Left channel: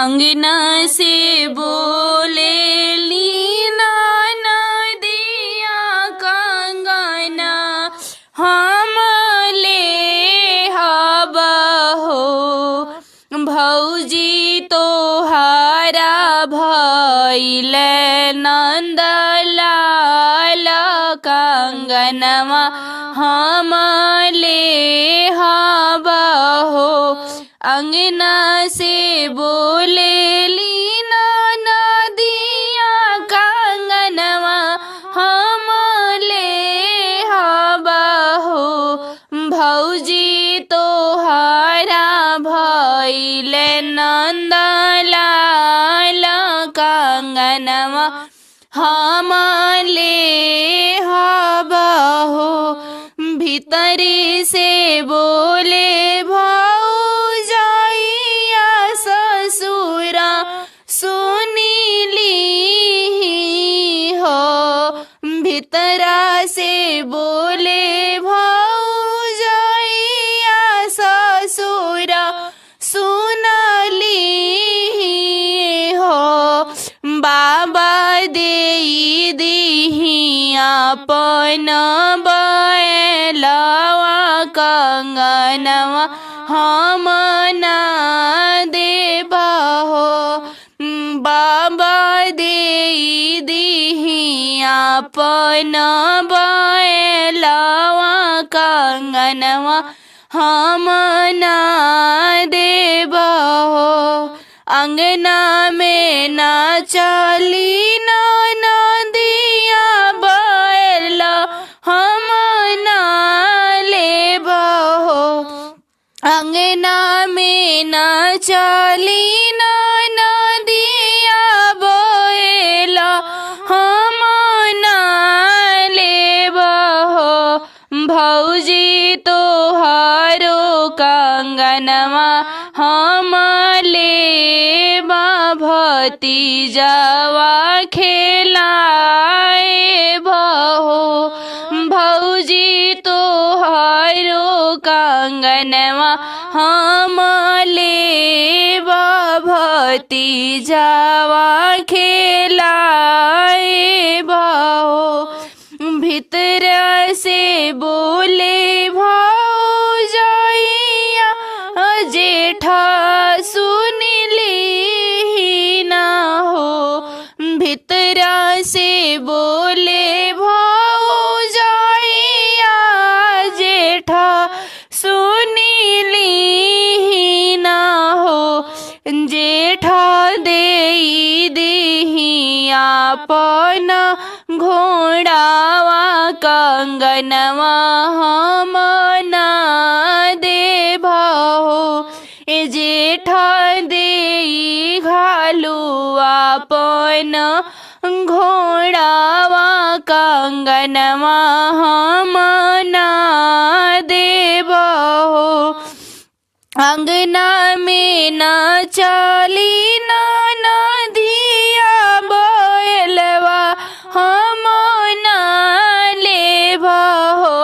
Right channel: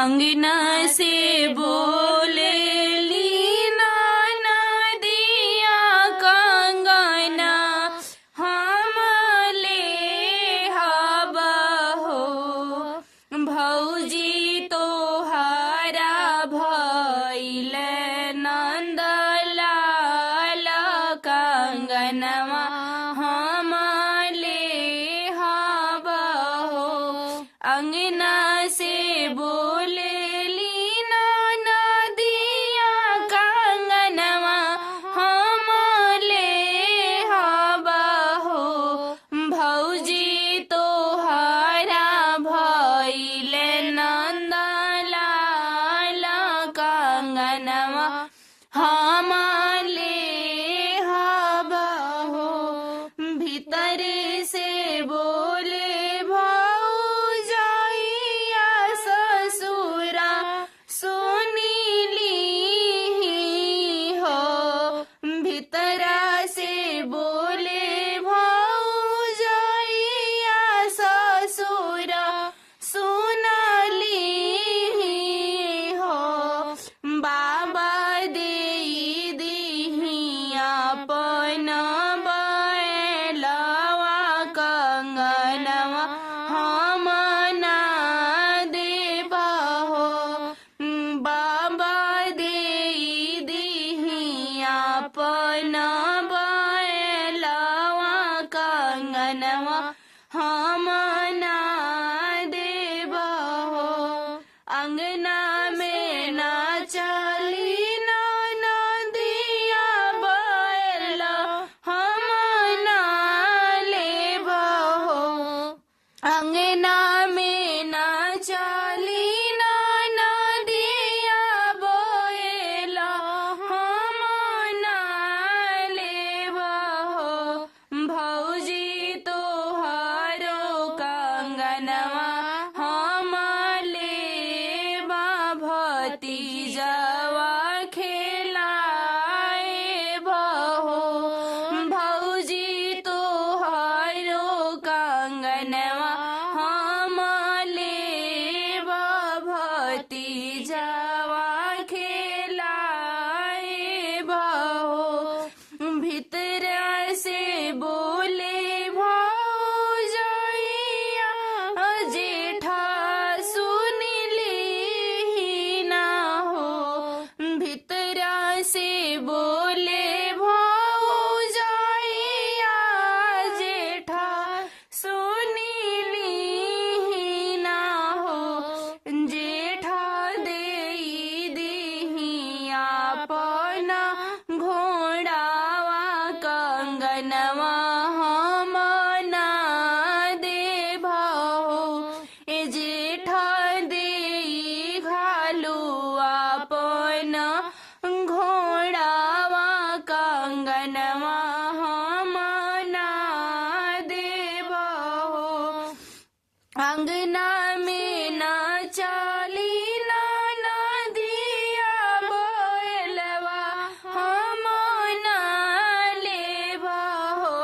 अंगना से बोले लीना नदिया कंगना हम ले हबा हो भौजी तोहारा भइल नंदलाल कंगनवा हम ले हबा हो अंगना से बोले लीना नदिया कंगनवा हम ले हबा हो भौजी तोहारा भइल नंदलाल कंगनवा हम ले हबा हो भीतर से बोले भौजाइया ससुरा सुनीली हो भीतरा से बोले भौजाइया ससुरा सुनली हो बाबा दे दिहिया अपन बैलवा कंगनवा हम ना देबा हो बाबा दे दिहिया अपन बैलवा कंगनवा हम ना देबा हो अंगना में ना चली ना नदिया बैला हम ना लेबा हो अंगना में ना चली ना नदिया बैला हम ना लेबा हो भौजी तोहारो कंगनवा हम लेबा भतीजावा खेलाए बहो भौजी तोहारो कंगनवा हम लेबा भतीजावा खेलाए बहो भीतर से बोले भौजाइया जेठा सुनली ना हो भीतरा से बोले भौजाइया जेठा सुनली ना हो जेठा दे दिहिया अपन घोड़ावा कंगनवा हम ना देबा हो ए जेठा दे घालुआ अपन घोड़ावा कंगनवा हम ना देबा हो अंगना में ना चली ना नदिया बैलवा हम ना लेबा हो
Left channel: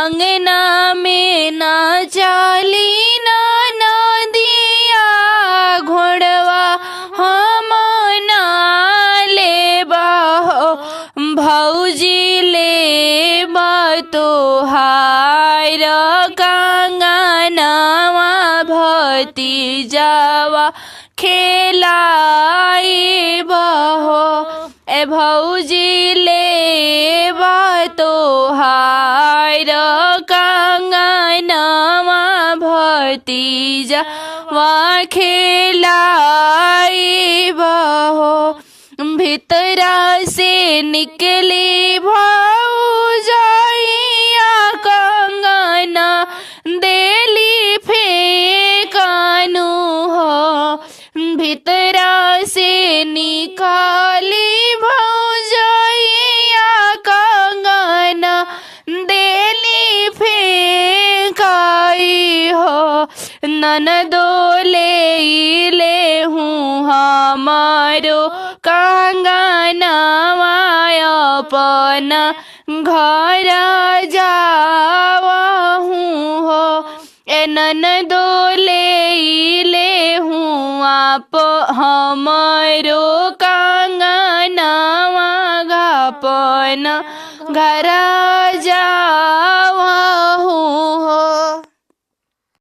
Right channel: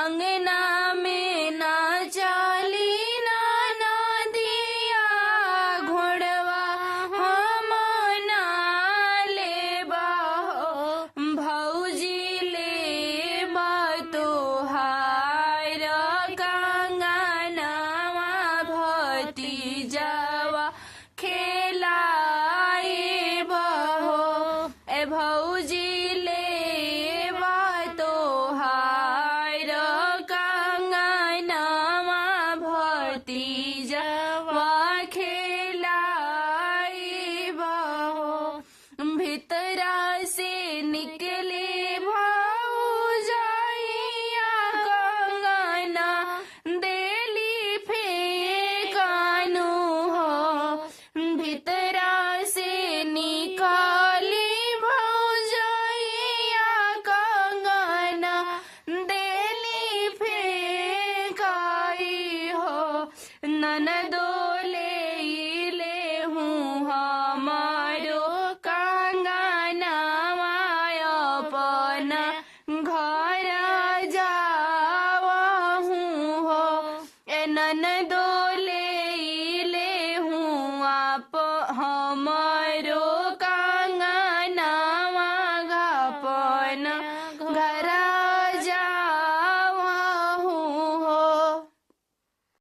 अंगना में ना चली ना नदिया घोड़वा हम ना लेबा हो भौजी लेबा तोहार कंगनवा भतीजावा खेलाए बहो ए भौजी लेबा तोहार कंगनवा भतीजावा खेलाए बहो भीतरा से निकले भौजाइया कंगना देली फेंकानु हो भीतरा से निकाली भौजाइया कंगना देली फेंकाई हो ननदो ले हूँ हमारो कंगनवा अपन आप हमरो कंगनवा घपन घर जा